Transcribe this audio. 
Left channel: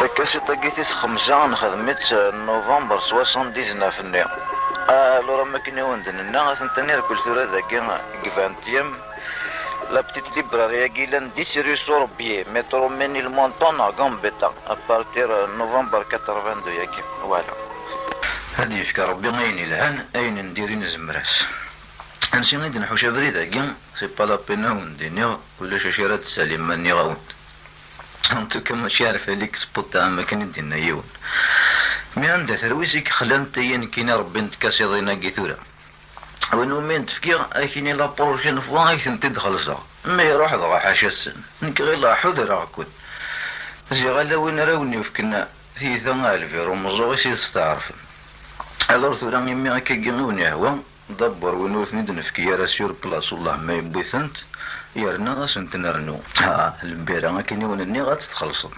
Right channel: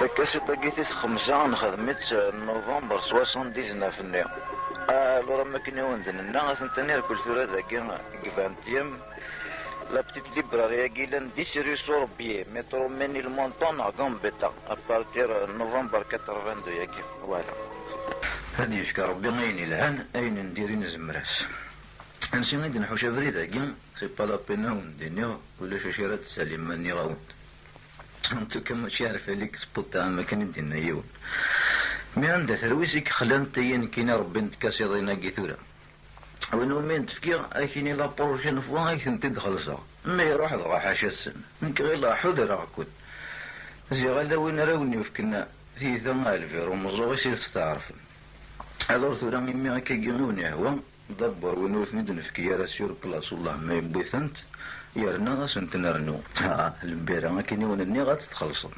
تكاسي طاقيتيس 5 نخدمت نوفمبر 79 لورا ما كنا وندنا ثنتاني ركل ثورة ذاكي كفانتيام لا بتيت ليبراريا كيلان 10 رue Sorbier مترو مني المونطون غامبيتا ابارتير نوفمبر 82 ياكي فوالا. هادي يشكر ربي اين الهان اين نديري نزمراس انسي غيد نحوش بريدا كاع سي با لا بينا وندينيغ ولا شاشيرات سليم ماني غاوند انتو كما ماشي عارف عليك سبوت تاع ما كان يدينا يون مي عندها ترويسك خلان تيان كينا ربي نتكاسي ضينا كيثورا وانو مين تفكير اكيني لا بروجين فوا ايثن تدخل صغ ما يروح ضغا حاشا السن نك غير لا حضر راكود زي غالا وين راوني فكنا ثيثا الفيرو مزوغي سي تستعرف الور ثورا يمي هكا كيموني هو دبر وينو ثنيد نفكي راه سيور بلاص والله ما يبغي ثنت يرنا غاسنت نرنو البيرة كاينين ونني غاتتخلصن.